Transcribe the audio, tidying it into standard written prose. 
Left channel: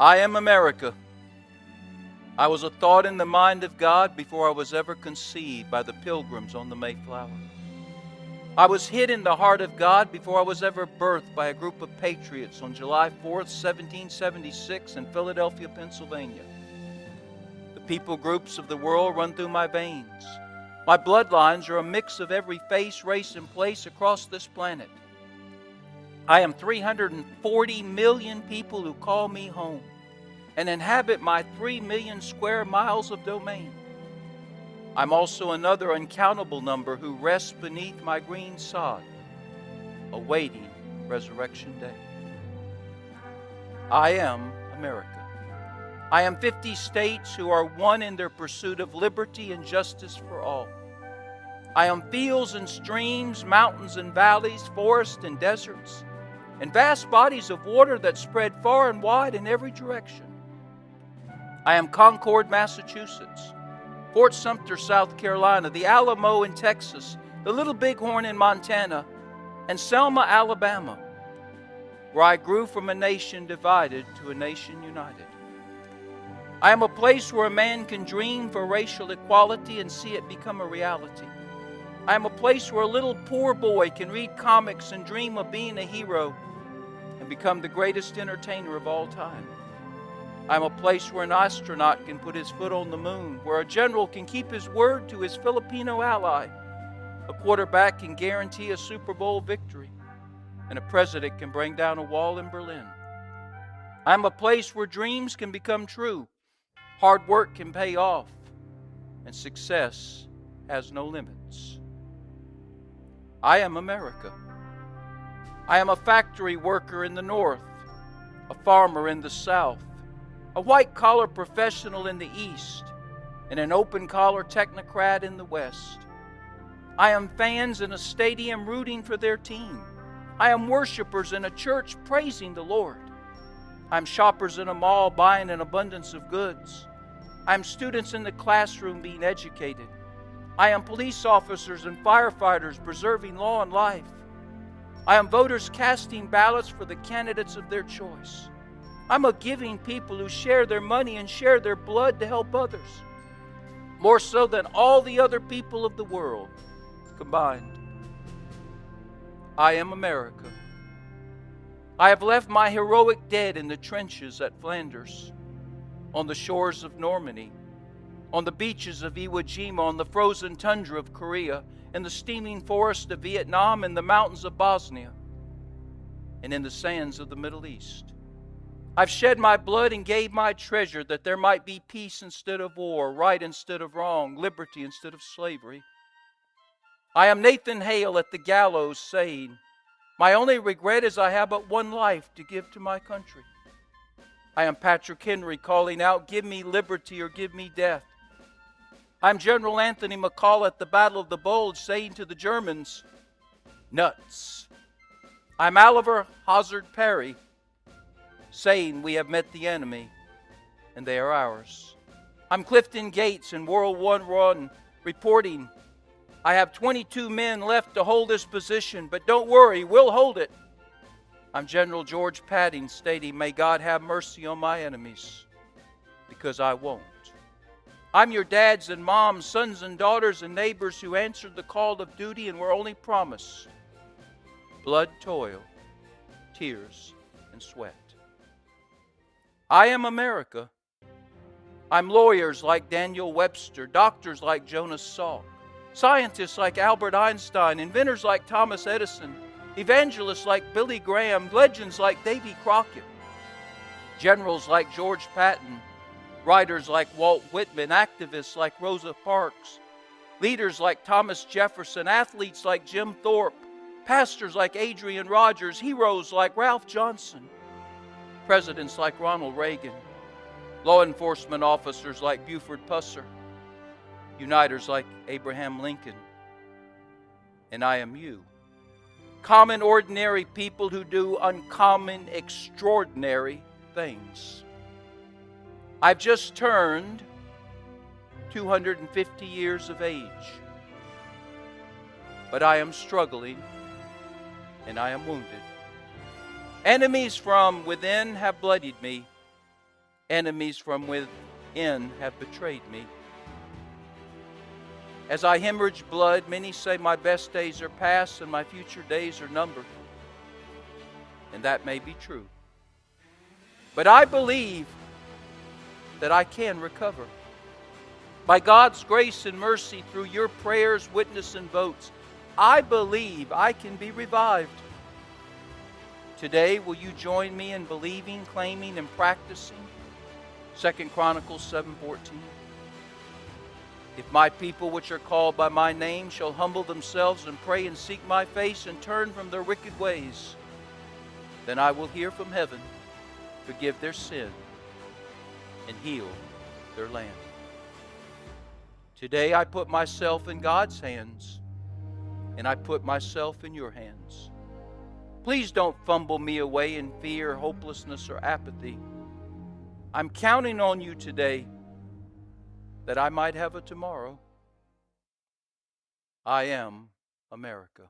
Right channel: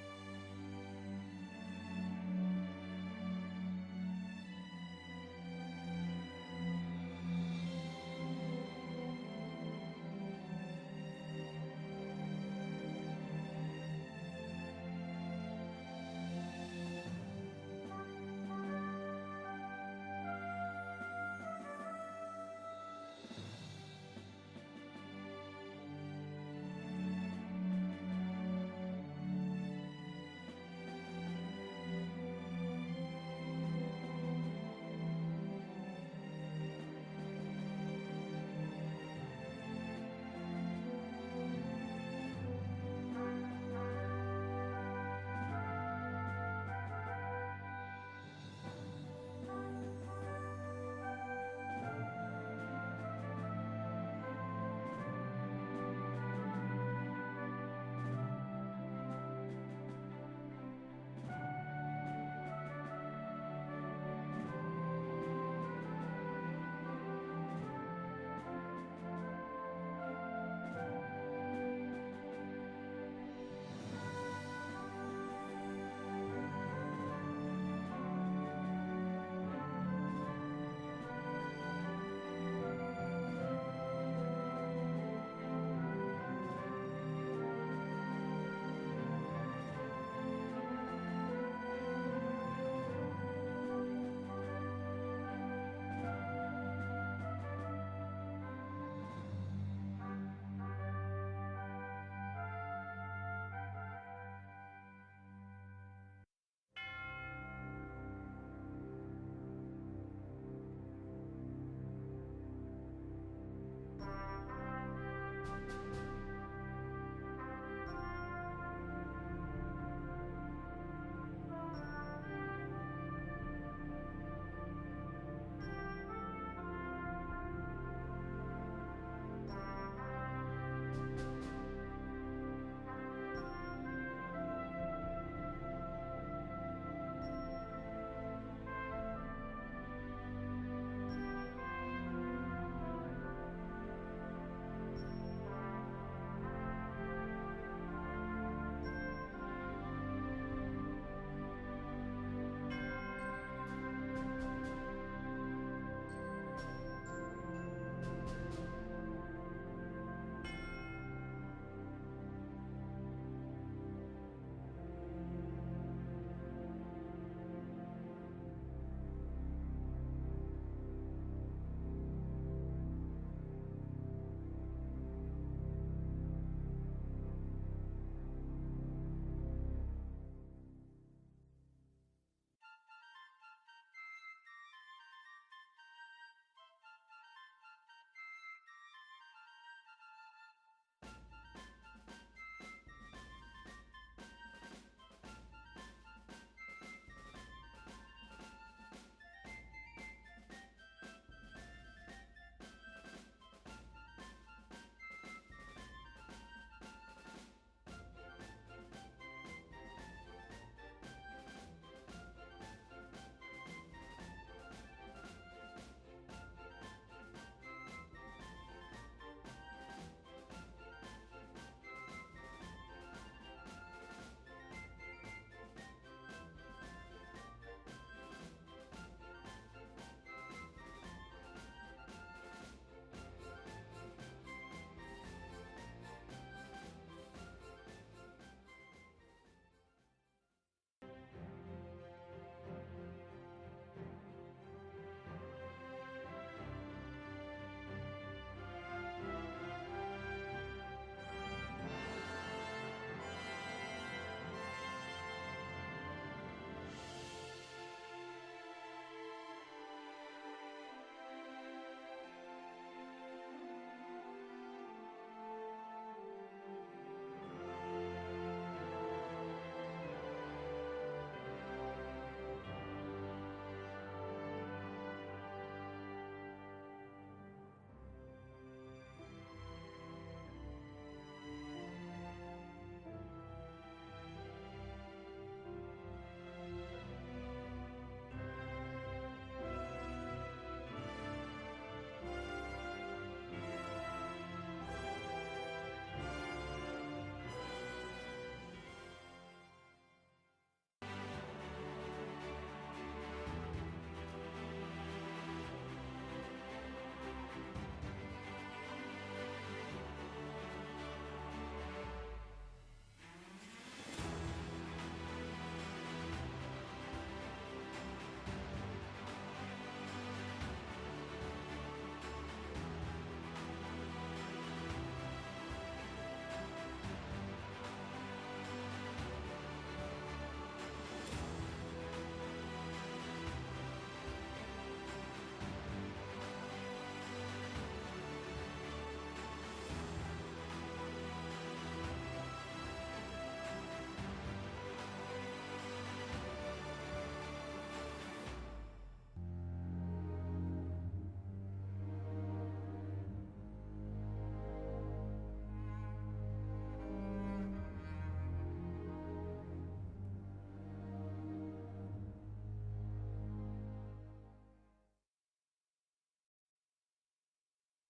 I am America. I was a thought in the mind of God before I was ever conceived by the pilgrims on the Mayflower. I was hid in the heart of God before I was ever birthed by a group of patriots on July 4th, 1776 in Philadelphia, Pennsylvania. The people groups of the world run through my veins. My bloodlines are a mix of every face, race, and place across this planet. I am 340 million people who call me home and inhabit my 3 million square miles of domain. I'm also another uncountable number who rests beneath my green sod, awaiting Resurrection Day. I am America. I am 50 states who are one in their pursuit of liberty and justice for all. I am fields and streams, mountains and valleys, forests and deserts, and vast bodies of water that spread far and wide in every direction. I am Concord, Massachusetts, Fort Sumter, South Carolina, the Alamo in Texas, the Little Bighorn in Montana, and Selma, Alabama, where I grew from a nation divided to a nation united. I am a place where a man can dream for racial equality and see it become a reality. I am a place where a little poor boy can read comics and dream of being a hero and become the greatest entertainer of all time. I am a place where an astronaut can put his foot on the moon, where a general can keep his word to his Filipino ally, a quarterback can guarantee a Super Bowl victory, and a president can bring down a wall in Berlin. I am a place where dreams can become true, hard work can pay off, and success has no limits. I am America. I am a factory worker in the North, a farmer in the South, a white-collar professional in the East, and an open-collar technocrat in the West. I am fans in a stadium rooting for their team. I am worshipers in a church praising the Lord. I am shoppers in a mall buying an abundance of goods. I am students in the classroom being educated. I am police officers and firefighters preserving law and life. I am voters casting ballots for the candidates of their choice. I'm a giving people who share their money and share their blood to help others, more so than all the other people of the world combined. I am America. I have left my heroic dead in the trenches at Flanders, on the shores of Normandy, on the beaches of Iwo Jima, on the frozen tundra of Korea, in the steaming forests of Vietnam, in the mountains of Bosnia, and in the sands of the Middle East. I've shed my blood and gave my treasure that there might be peace instead of war, right instead of wrong, liberty instead of slavery. I am Nathan Hale at the gallows saying, my only regret is I have but one life to give to my country. I am Patrick Henry calling out, give me liberty or give me death. I'm General Anthony McCall at the Battle of the Bulge saying to the Germans, nuts. I'm Oliver Hazard Perry saying we have met the enemy and they are ours. I'm Clifton Gates in World War I reporting, I have 22 men left to hold this position, but don't worry, we'll hold it. I'm General George Padding stating, may God have mercy on my enemies, because I won't. I'm your dads and moms, sons and daughters and neighbors who answered the call of duty and were only promised blood, toil, tears, and sweat. I am America. I'm lawyers like Daniel Webster, doctors like Jonas Salk, scientists like Albert Einstein, inventors like Thomas Edison, evangelists like Billy Graham, legends like Davy Crockett, generals like George Patton, writers like Walt Whitman, activists like Rosa Parks, leaders like Thomas Jefferson, athletes like Jim Thorpe, pastors like Adrian Rogers, heroes like Ralph Johnson, presidents like Ronald Reagan, law enforcement officers like Buford Pusser, uniters like Abraham Lincoln, and I am you. Common, ordinary people who do uncommon, extraordinary things. I've just turned 250 years of age, but I am struggling and I am wounded. Enemies from within have bloodied me, Enemies from within have betrayed me. As I hemorrhage blood, many say my best days are past and my future days are numbered. And that may be true. But I believe that I can recover. By God's grace and mercy, through your prayers, witness, and votes, I believe I can be revived. Today, will you join me in believing, claiming, and practicing 2 Chronicles 7:14? If my people which are called by my name shall humble themselves and pray and seek my face and turn from their wicked ways, then I will hear from heaven, forgive their sin, and heal their land. Today I put myself in God's hands, and I put myself in your hands. Please don't fumble me away in fear, hopelessness, or apathy. I'm counting on you today that I might have a tomorrow. I am America.